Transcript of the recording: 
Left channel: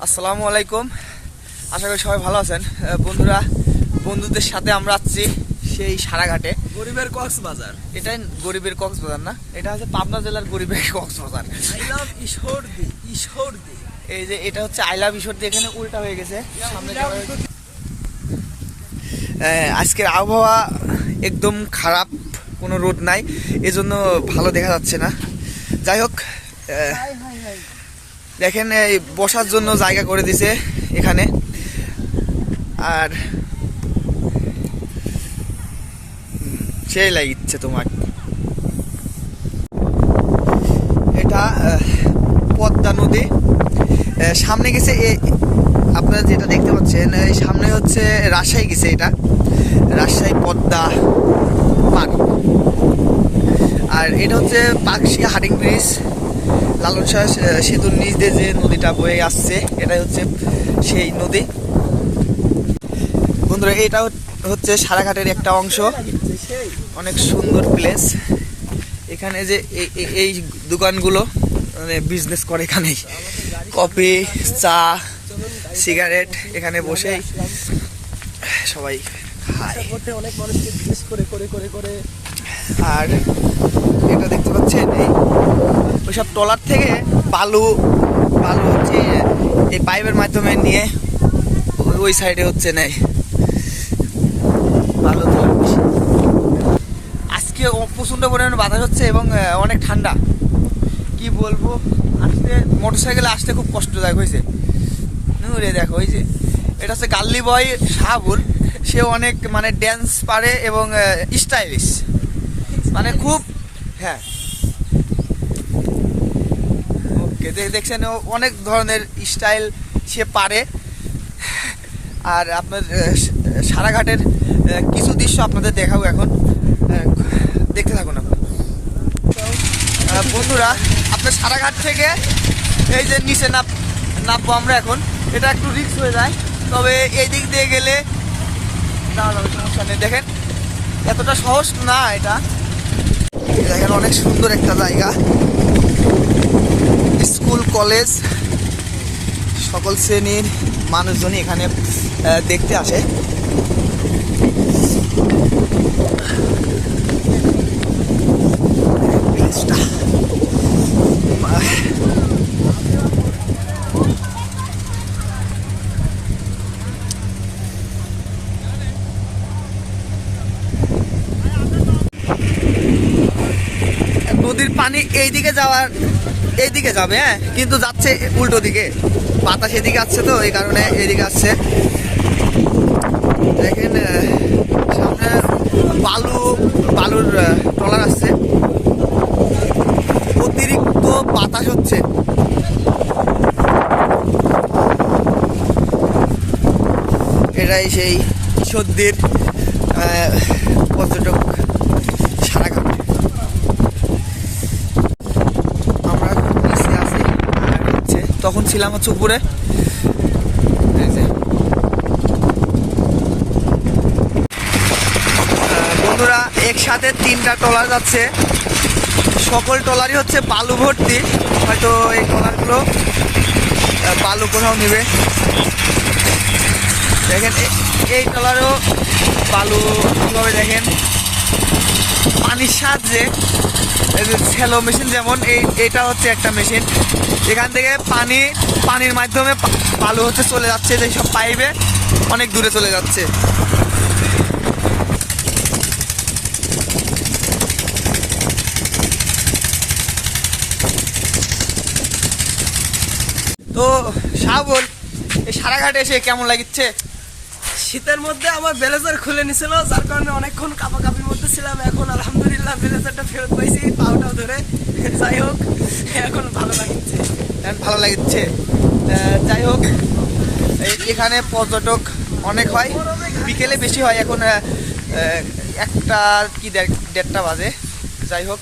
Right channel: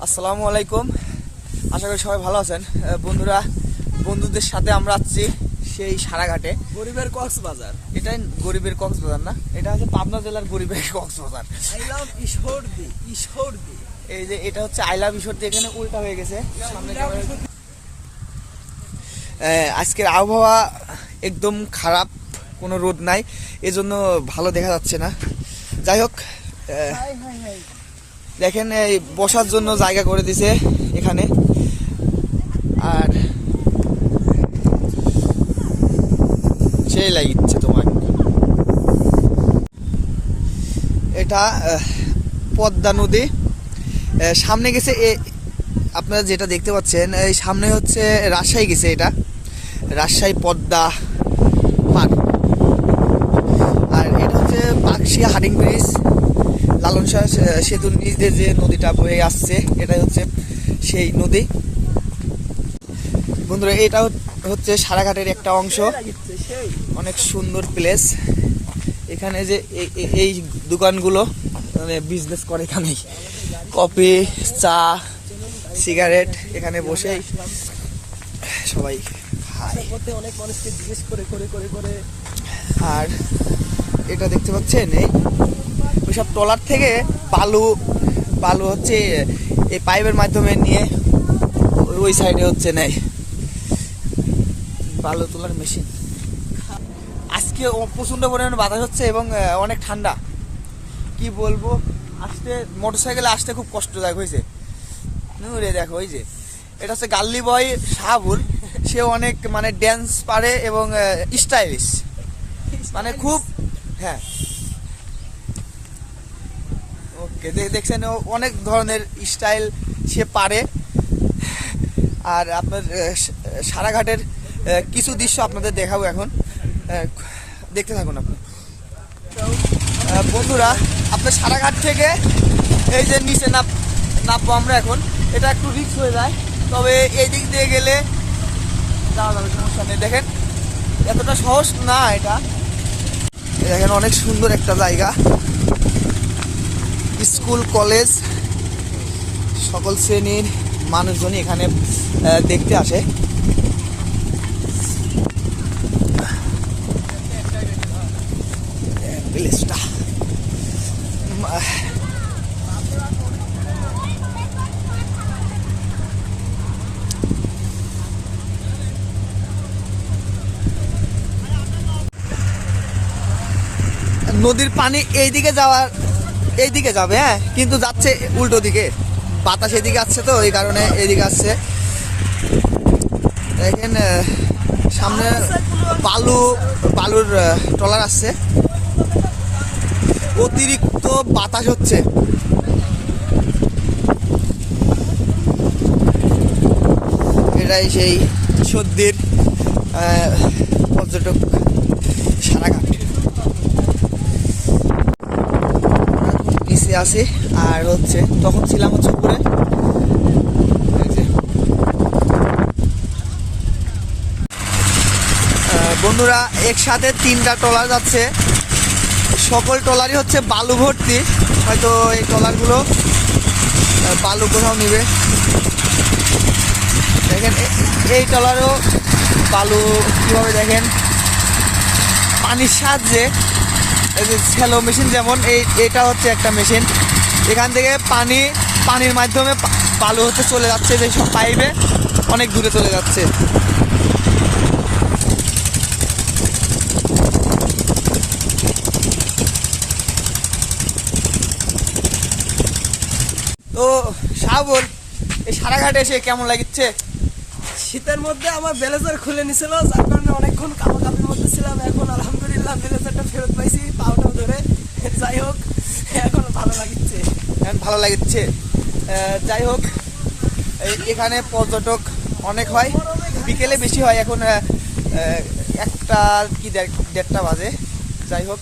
আসসালামু আলাইকুম। আশা করি সবাই ভালো আছেন। বন্ধুরা বন্ধুদের সাথে আমরা আসছি সেই সারাঘাটে। গরিবের কক্সবাজার। এটাই গরিবের কক্সবাজার না? এটা হচ্ছে পাবনা জেলার গরিবের Cox's Bazar. I love Ishwardi Ishwardi. এই যে এটা হচ্ছে আইলা বিষয় এখানে উল্টা হয়ে গেছে। সামনে আজকের আবহাওয়া একদম খারাপ কোনো রোদ নাই এজন্য ভালো দেখা যাচ্ছে না। যাই হোক দেখেন, এই বসার জন্য জায়গা করে দিছে এখানে। আর সেই লাগিচ্ছে তোমার। এটা পদ্মা নদী। সামনে গেছে আপনারা যেটা দেখতে পাচ্ছেন, এই সামনে হচ্ছে রাজশাহী গেছে এটা। রাজশাহী পদ্মা পার আর এটা হচ্ছে পাকশিয়া হাডিং ব্রিজ। লালন শাহ সেতুর নিচ দিয়ে যে নদীটা বয়ে আসছে, এটাই হচ্ছে সেই নদী। বন্ধুরা, এটা হচ্ছে সারাঘাটের একটা অংশ। অনেক সুন্দর প্লেস এখানে যে এই- দোকানগুলো মানে বিজনেস করে এখানেই। কফি, চা সিগারেট এখানে বসেই সবাই খায়। অনেক মানুষকে জিজ্ঞেস করে করে করে করে। আর এটা দেখতে পাচ্ছেন, এই ওইসব ট্রলার থেকে বালু বালু হচ্ছে এই পাইপের মাধ্যমে নিয়ে ওই- সাইডে হচ্ছে নেই বালু তোলার বেশি আজকে প্রচণ্ড পরিমাণে বাতাস হচ্ছে এবং অনেক ঠান্ডা। কি বলব? আসতে মোটর সাইকেলে আসতে খুব কষ্টদায়ক হয়েছে। নুরে দেখো ওই যে, এটা হচ্ছে গাল্লি বয় শাহাবুল সে অনেক মানে ড্যান্স পারে এবং স্টাইলিশ মানে খুব হ্যাঁ। ওকে দেখছেন অনেক ধরনের স্টাইল সে পারে। আর আপনার সারাঘাটের কিছু দৃশ্য আপনাদের দেখাবো এখন। দেখতে থাকুন আপনি। আহ, বন্ধুরা আপনার সারাঘাট থেকে এই যে নিচে নাপ নামবো আমরা এখন এটা একটু রিস্ক হয়ে যায়। তবে এই দিক দিয়ে গেলে যাওয়া যাবে সমস্যা নেই। দেখেন এতটা সহজ না এটা। দেখেন অনেক সুন্দর একটা জায়গা। স্কুল কলেজ সকল শ্রেণির মানুষজনই এখানে দেখতে আসে। নদীর পানি এই দিকে যাওয়ার এই দিকে যাবে হ্যাঁ? কিন্তু যাচ্ছে উল্টো দিকে। বাতাস এদিকে আসছে তো, এই কারণে এদিকে আসছে। দেখেন সামনে বালু, বালুর ট্রলার আসছে। অতিরিক্ত বাতাস হচ্ছে। এটাই সেই সর্দির পর্যটক সারাঘাট আমরা এখন নিচে আছি আর হচ্ছে তখন ছিলাম হচ্ছে উপরে। বন্ধুরা, একসাথে তিনটা ট্রলার যাচ্ছে। সকল ট্রলারই হচ্ছে বালু ভর্তি। হয়তো এই ট্রলারগুলো বালু কোথাও নেবে। দেখেন এই ট্রলারও বালু কীভাবে দেখেন? পানির সাহায্যে স্যালো মেশিন যেমন, এই এটা হচ্ছে একটা মেশিন এখান থেকে পানি, পানির মাধ্যমে বালু হচ্ছে চলে যাচ্ছে, যে সব পাইপে অনেক দূরে চলে যাচ্ছে। তো শাহবুল এই সারাঘাটে এসে কেমন লাগিচ্ছে শীতের মধ্যে আমার ব্লেজার খুলে নিছিল, যার কারণে অনেকক্ষণ কাপাকাপির মধ্যে ছিলাম। এখন আলহামদুলিল্লাহ ব্লেজারটা ফেরত পাইছি পাউটাও ধরে। যাই হোক, এখন ভালো লাগছে। এখন ভালো লাগছে। যাই হোক এখানে পর্যটক অনেক হয়, বিকেলে বেশি হয়। এখন একটা কি দেড়- দেড়টা বাজে। যাই হোক